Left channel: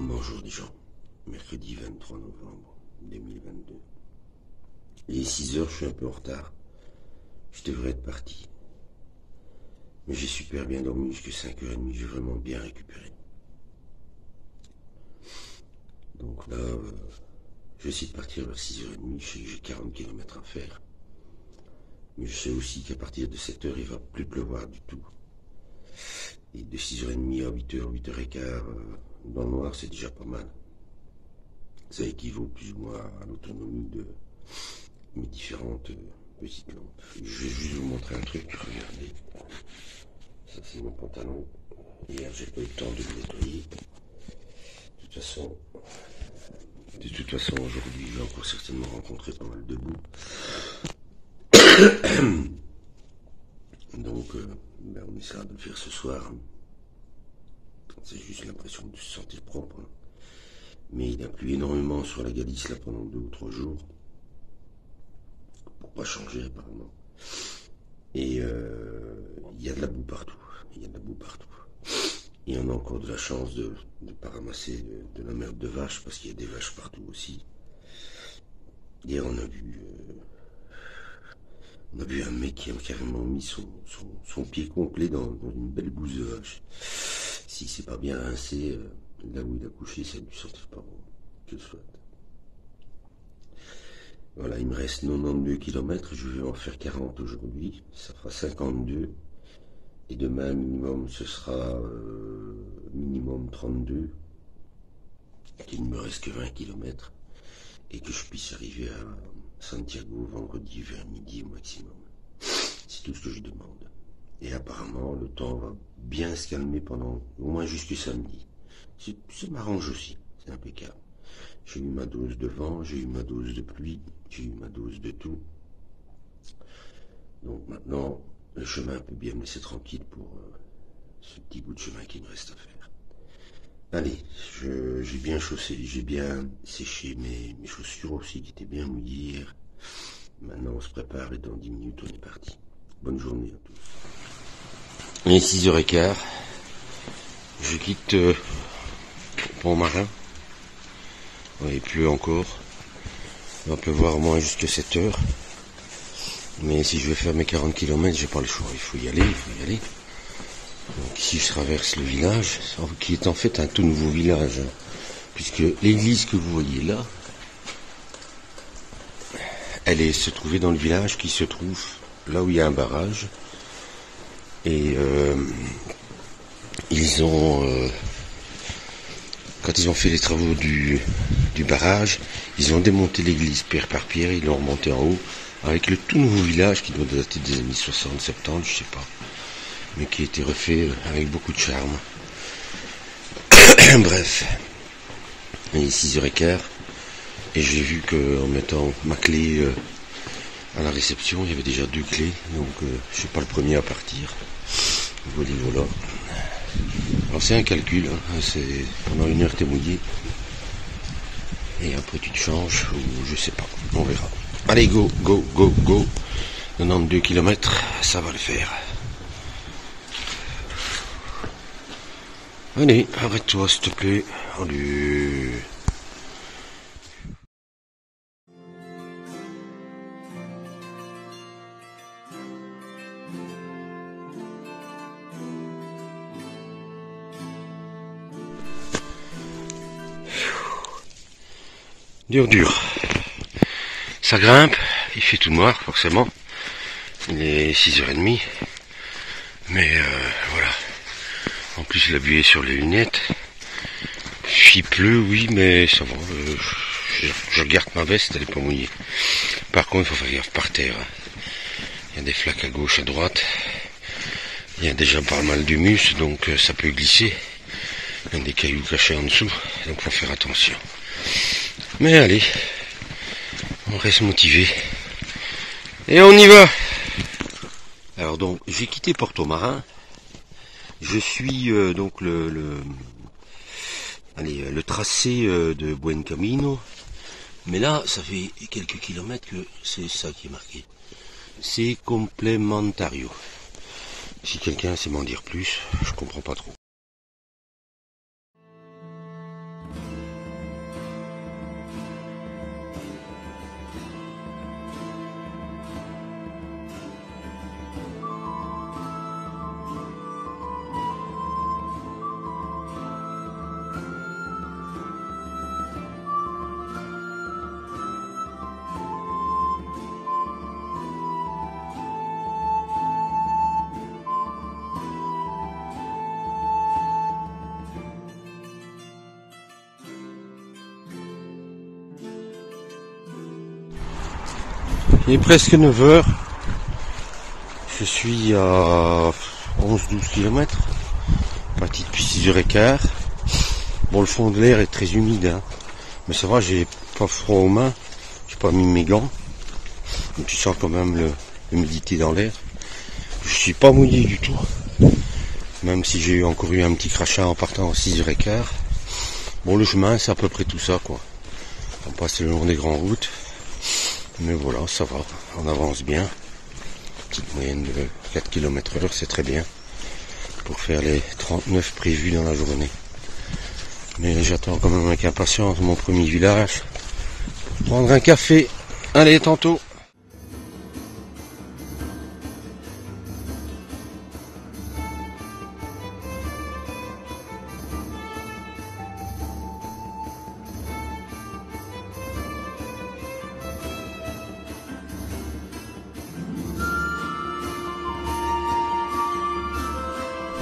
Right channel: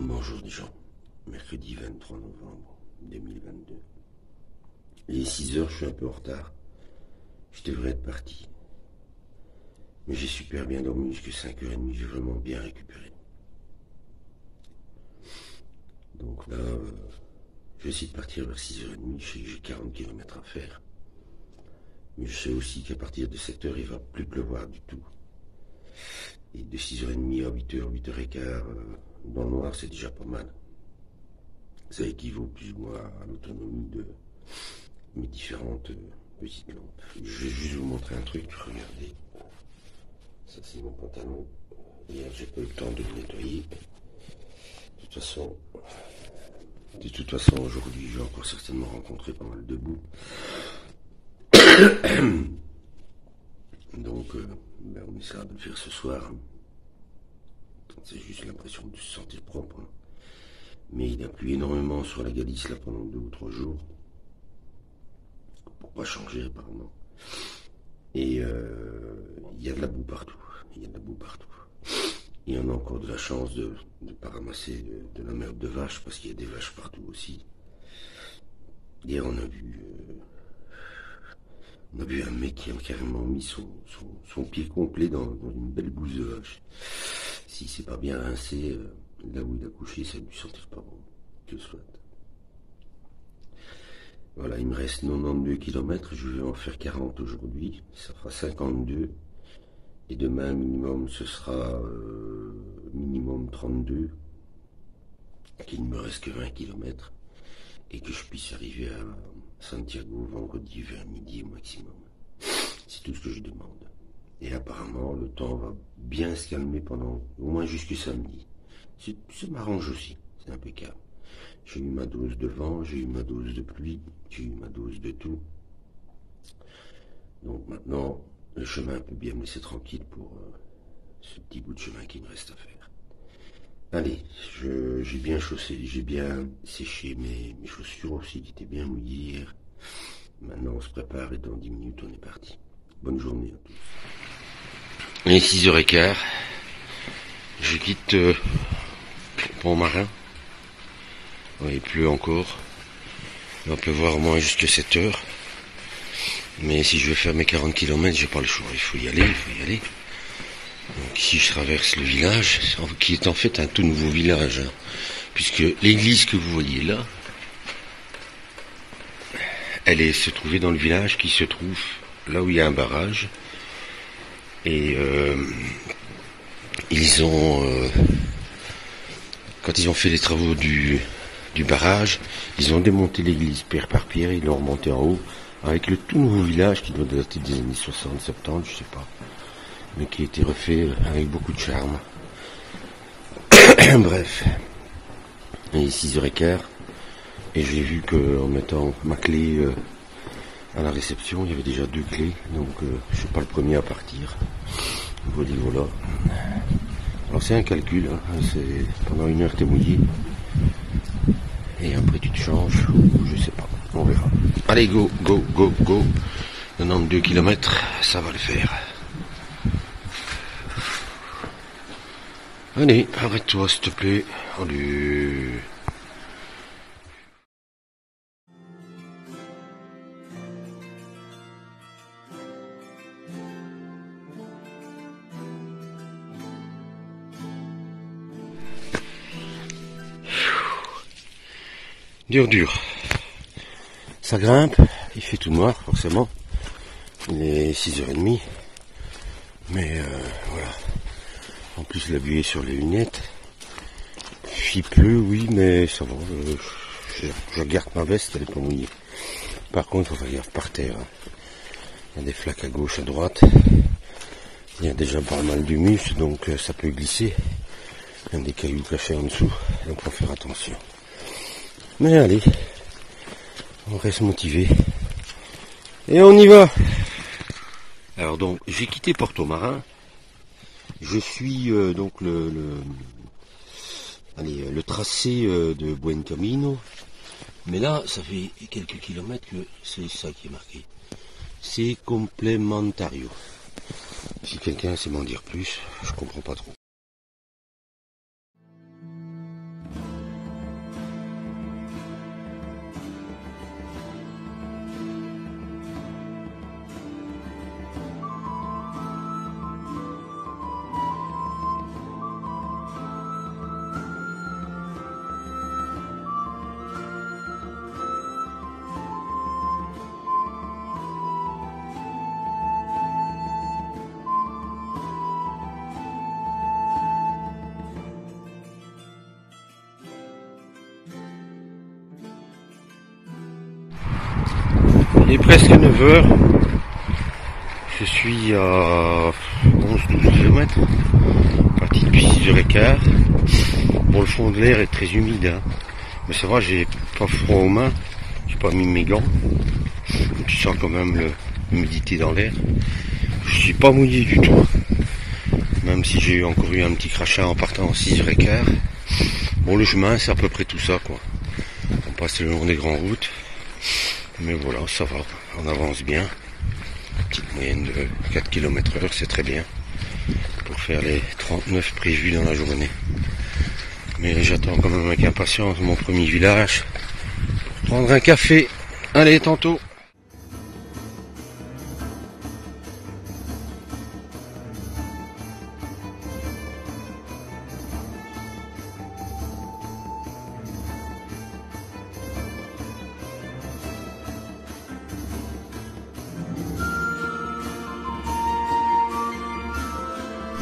Bonjour les gens, mercredi 23 novembre 2022. Il est 6 heures, je suis un peu en retard. Je devrais être parti. Mais j'ai super bien dormi jusqu'à 5h30, j'ai vraiment bien récupéré. Donc là, je vais essayer de partir vers 6h30, je sais que j'ai 40 km à faire. Mais je sais aussi qu'à partir de 7h, il va plus pleuvoir du tout. Et de 6h30 à 8h, 8h15, dans le noir, c'est déjà pas mal. Ça équivaut plus ou moins à l'autonomie de mes différentes petites lampes. Je vais juste vous montrer un truc, regardez. Ça c'est mon pantalon. Hier j'ai pas eu le temps de le nettoyer. De toute façon aujourd'hui j'ai encore certainement rencontré pas mal de boue. Donc on essaiera de le faire ce soir. C'est juste l'impression de se sentir propre. Mais il a plu énormément sur la Galice là pendant 2 ou 3 jours. Pour pas changer apparemment. Et il y a de la boue partout. Il y a de la boue partout. Et on a encore de la chance de ne pas ramasser de la merde de vache, parce qu'il y a des vaches partout aussi. Hier on a vu un mec qui a carrément mis son pied complet dans une belle bouse de vache. Si c'est pas bien rincé, là où il a couché, ça ne lui sentir pas bon. Que soit. Voilà, il me reste 92 km, je vais en faire 40 aujourd'hui, ça fera 52. Et demain, minimum, ce sera minimum 32, qu'il ne me reste que 20 km, et que je puisse arriver à Santiago vendredi vers midi au maximum. C'est tout ce que je demande. Et apparemment, le temps va bien se calmer pendant au moins jusqu'à samedi. Ça m'arrange aussi, c'est impeccable. J'ai eu ma dose de vent, j'ai eu ma dose de pluie, j'ai eu ma dose de tout. Donc maintenant, le chemin peut bien me laisser tranquille pour ce petit bout de chemin qui me reste à faire. Allez, j'ai bien chaussé, j'ai bien séché mes chaussures aussi qui étaient bien mouillées hier. Maintenant on se prépare et dans 10 minutes on est parti. Bonne journée à tous. Il est 6h15. Je quitte Pont-Marin. Ouais, il pleut encore. On peut voir au moins jusqu'à 7h. Mais si je veux faire mes 40 km, j'ai pas le choix. Il faut y aller. Donc ici je traverse le village, qui est en fait un tout nouveau village. Puisque l'église que vous voyez là, elle se trouvait dans le village qui se trouve là où il y a un barrage. Et quand ils ont fait les travaux du barrage, ils ont démonté l'église pierre par pierre, ils l'ont remonté en haut, avec le tout nouveau village qui doit dater des années 60, 70, je sais pas, mais qui a été refait avec beaucoup de charme. Bref, il est 6h15, et j'ai vu qu'en mettant ma clé à la réception, il y avait déjà 2 clés, donc je suis pas le premier à partir. Voilà. Alors c'est un calcul, hein. C'est pendant 1 heure t'es mouillé, et après tu te changes, ou je sais pas, on verra. Allez, go, 92 km, ça va le faire. Allez, arrête-toi s'il te plaît. Allez. Dur. Ça grimpe, il fait tout noir forcément. Il est 6h30. Mais voilà. En plus la buée sur les lunettes. Il pleut, oui, mais ça va. Je garde ma veste, elle est pas mouillée. Par contre, il faut faire gaffe par terre. Il y a des flaques à gauche, à droite. Il y a déjà pas mal d'humus, donc ça peut glisser. Il y a des cailloux cachés en dessous, donc il faut faire attention. Mais allez, on reste motivé. Et on y va. Alors donc, j'ai quitté Porto-Marin. Je suis donc le tracé de Buen Camino. Mais là, ça fait quelques kilomètres que c'est ça qui est marqué. C'est complémentario. Si quelqu'un sait m'en dire plus, je comprends pas trop. Il est presque 9 heures. Je suis à 11-12 km. Parti depuis 6h15. Bon, le fond de l'air est très humide, hein. Mais ça va, j'ai pas froid aux mains. J'ai pas mis mes gants. Tu sens quand même l'humidité dans l'air. Je suis pas mouillé du tout. Même si j'ai encore eu un petit crachat en partant en 6h15. Bon, le chemin, c'est à peu près tout ça, quoi. On passe le long des grandes routes. Mais voilà, ça va. On avance bien. Petite moyenne de 4 km/h, c'est très bien. Pour faire les 39 prévus dans la journée. Mais j'attends quand même avec impatience mon premier village. Prendre un café. Allez, tantôt.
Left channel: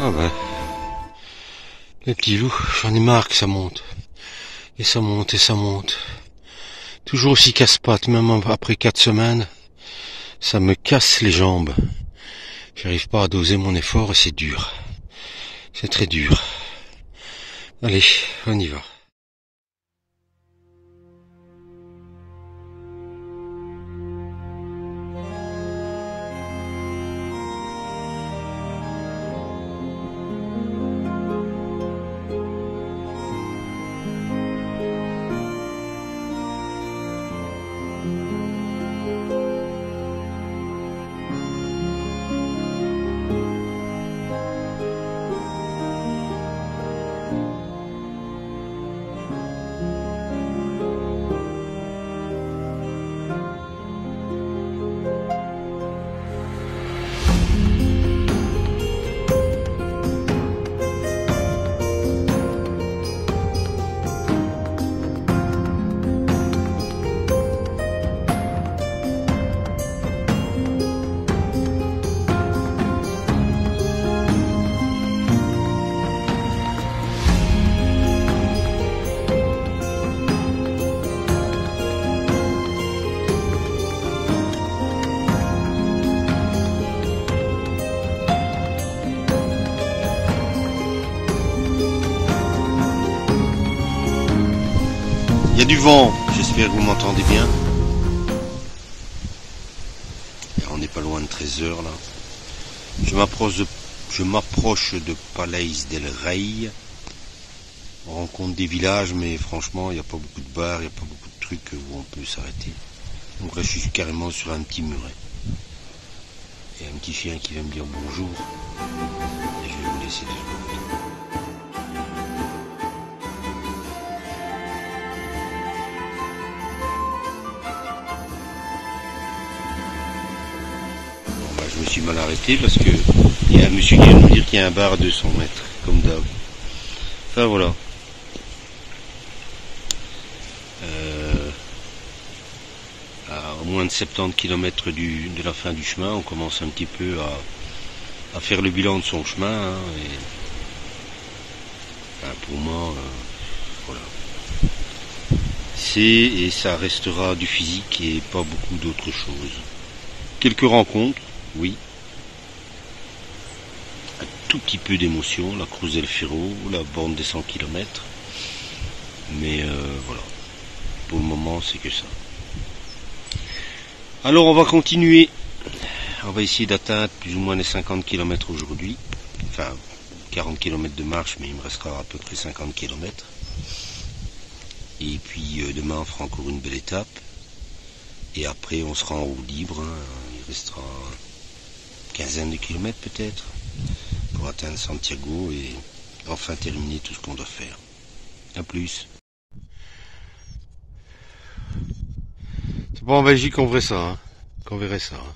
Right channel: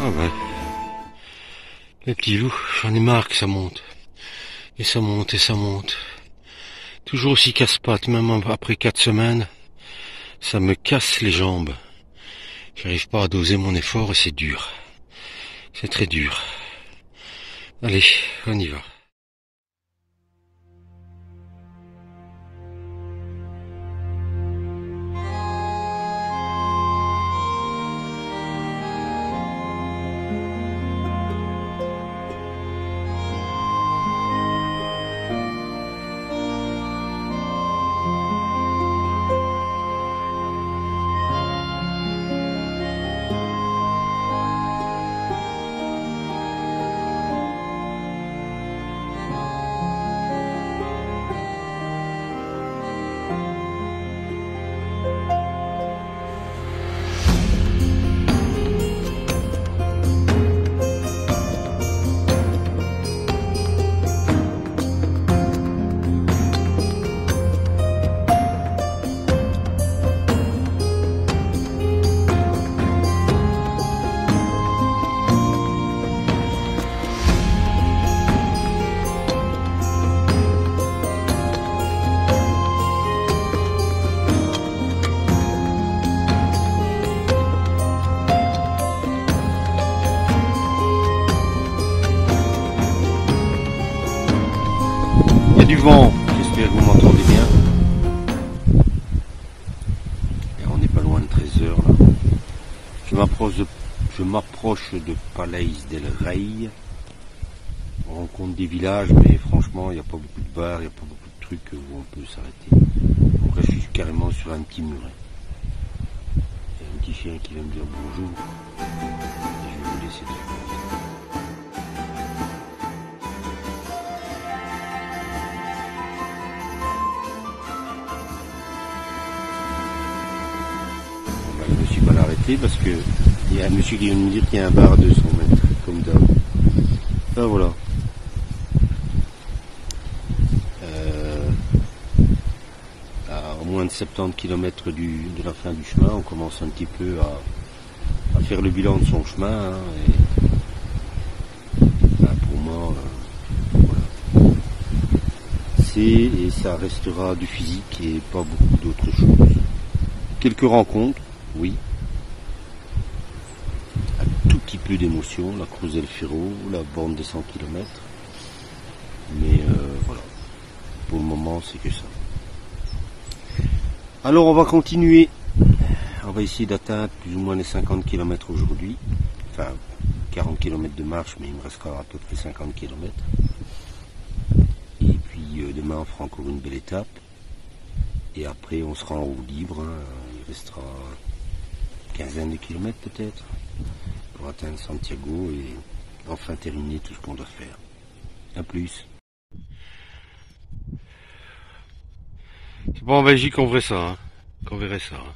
Ah ben, les petits loups, j'en ai marre que ça monte. Et ça monte et ça monte. Toujours aussi casse-pattes, même après 4 semaines. Ça me casse les jambes. J'arrive pas à doser mon effort et c'est dur. C'est très dur. Allez, on y va. Il y a du vent, j'espère que vous m'entendez bien. Et on n'est pas loin de 13 heures là. Je m'approche de Palais del Rey. On rencontre des villages, mais franchement, il n'y a pas beaucoup de bars, il n'y a pas beaucoup de trucs où on peut s'arrêter. Donc là, je suis carrément sur un petit muret. Il y a un petit chien qui vient me dire bonjour. Et je vais vous laisser 2 secondes. Je me suis mal arrêté parce que il y a un monsieur qui vient de nous dire qu'il y a un bar à 200 mètres, comme d'hab. Enfin voilà. À moins de 70 km de la fin du chemin, on commence un petit peu à faire le bilan de son chemin. Hein, et pour moi, voilà. Et ça restera du physique et pas beaucoup d'autres choses. Quelques rencontres, oui. Un tout petit peu d'émotion, la Cruz del Fierro, la borne des 100 km. Mais voilà, pour le moment c'est que ça. Alors on va continuer. On va essayer d'atteindre plus ou moins les 50 km aujourd'hui. Enfin, 40 km de marche, mais il me restera à peu près 50 km. Et puis demain on fera encore une belle étape. Et après on sera en roue libre. Hein. Il restera une quinzaine de kilomètres peut-être pour atteindre Santiago et enfin terminer tout ce qu'on doit faire. A plus. C'est pas en Belgique qu'on verrait ça, hein. Qu'on verrait ça. Hein.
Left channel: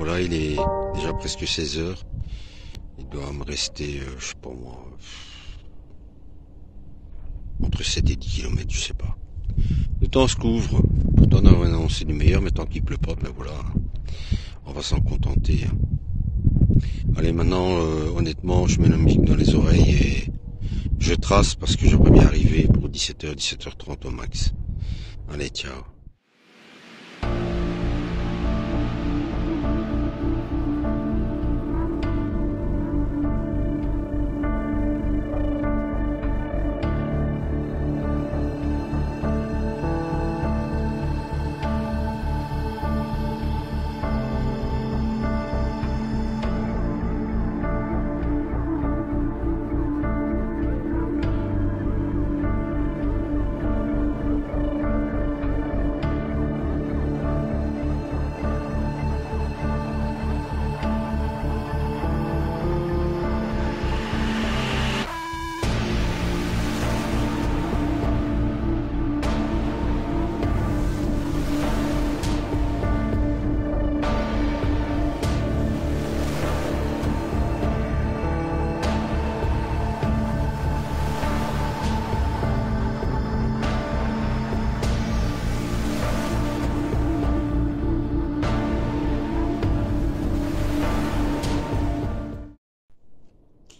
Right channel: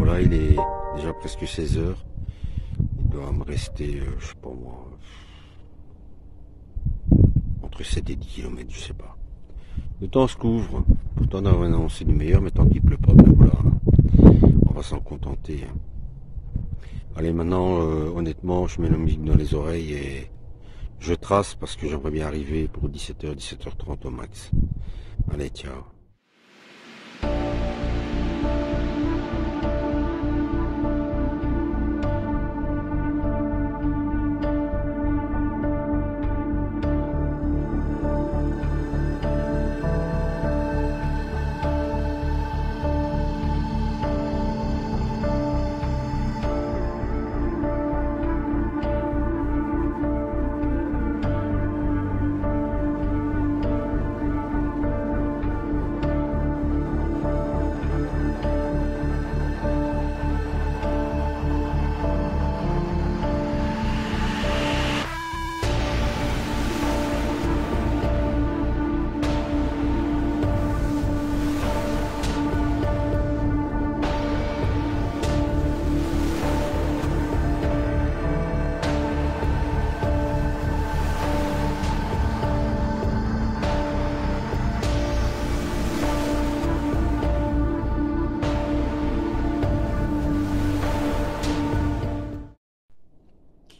voilà, il est déjà presque 16 heures. Il doit me rester, je sais pas moi, entre 7 et 10 kilomètres, je sais pas. Le temps se couvre. Pourtant, on a annoncé du meilleur, mais tant qu'il pleut pas, ben voilà, on va s'en contenter. Allez, maintenant, honnêtement, je mets la musique dans les oreilles et je trace parce que j'aimerais bien arriver pour 17h, 17h30 au max. Allez, ciao.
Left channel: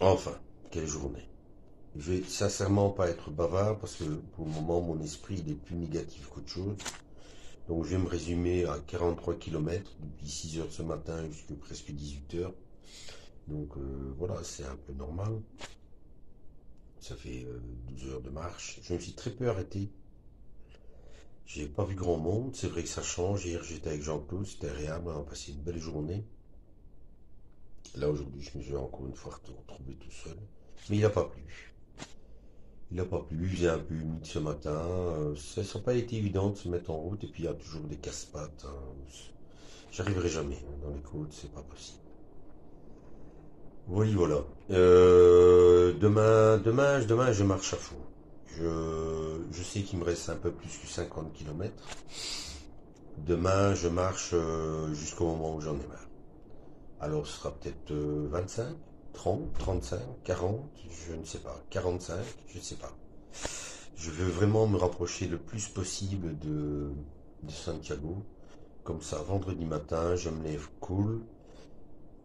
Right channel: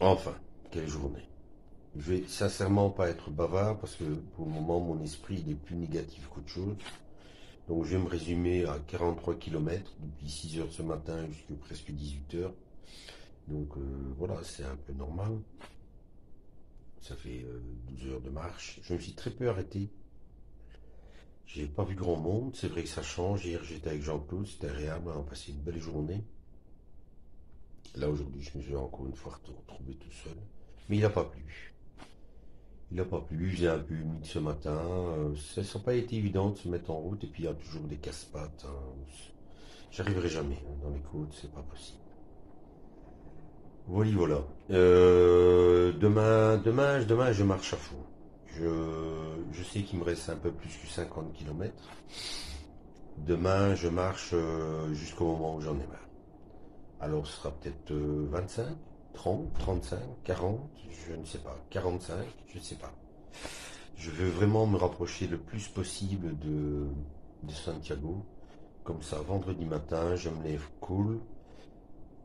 Enfin, quelle journée. Je vais sincèrement pas être bavard parce que pour le moment mon esprit il est plus négatif qu'autre chose. Donc je vais me résumer à 43 kilomètres depuis 6 heures ce matin jusqu'à presque 18 heures. Donc voilà, c'est un peu normal. Ça fait 12 heures de marche. Je me suis très peu arrêté. J'ai pas vu grand monde. C'est vrai que ça change. Hier j'étais avec Jean-Claude, c'était agréable. On a passé une belle journée. Là aujourd'hui je me suis encore une fois retrouvé tout seul. Mais il n'a pas plu. Il n'a pas plu, il faisait un peu humide ce matin. Ça n'a pas été évident de se mettre en route et puis il y a toujours des casse-pattes. J'arriverai jamais dans les côtes, c'est pas possible. Oui, voilà. Demain, je marche à fond. Je sais qu'il me reste un peu plus que 50 kilomètres. Demain, je marche jusqu'au moment où j'en ai marre. Alors, ce sera peut-être 25, 30, 35, 40, je ne sais pas. 45, je ne sais pas. Je veux vraiment me rapprocher le plus possible de Santiago. Comme ça, vendredi matin, je me lève cool.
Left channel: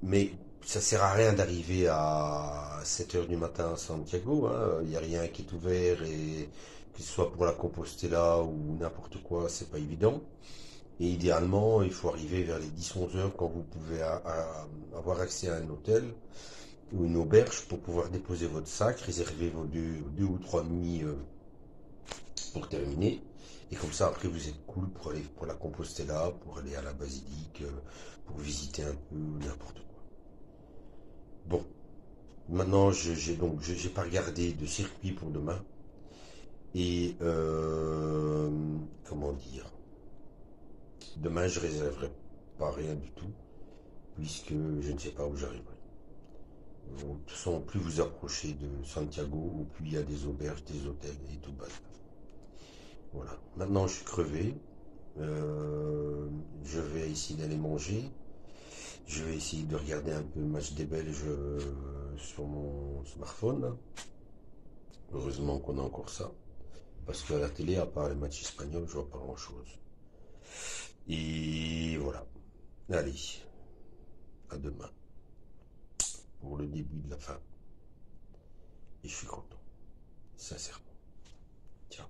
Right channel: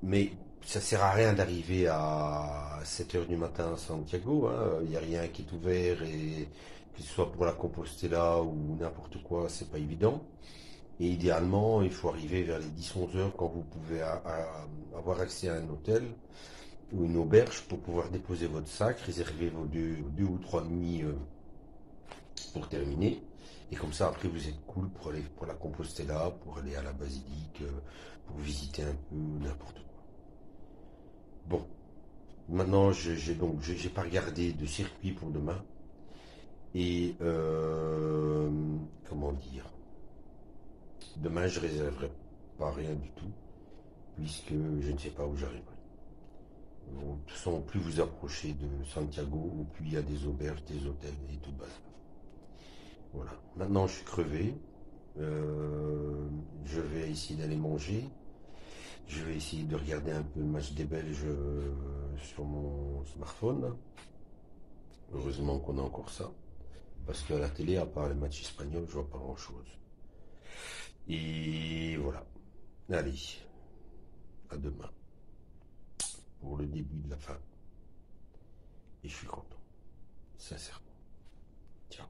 Mais ça sert à rien d'arriver à 7 heures du matin à Santiago. Hein. Il n'y a rien qui est ouvert et que ce soit pour la Compostela ou n'importe quoi, c'est pas évident. Et idéalement, il faut arriver vers les 10-11 heures quand vous pouvez avoir accès à un hôtel ou une auberge pour pouvoir déposer votre sac, réserver vos deux ou trois nuits pour terminer. Et comme ça, après, vous êtes cool pour aller pour la Compostela, pour aller à la basilique, pour visiter un peu n'importe quoi. Bon, maintenant, j'ai pas regardé de circuit pour demain. Et comment dire, demain, je réserverai pas rien du tout, puisque je ne sais pas où j'arriverai. De toute façon, plus vous approchez de Santiago, plus il y a des auberges, des hôtels et tout bas. Voilà. Maintenant, je suis crevé. Je vais essayer d'aller manger. Je vais essayer de regarder un peu le match des Belges sur mon smartphone. Heureusement qu'on a encore ça. Parce qu'à la télé, à part les matchs espagnols, je vois pas grand-chose. Et voilà. Allez, à demain. Pour le début de la fin. Et je suis content. Sincèrement. Ciao.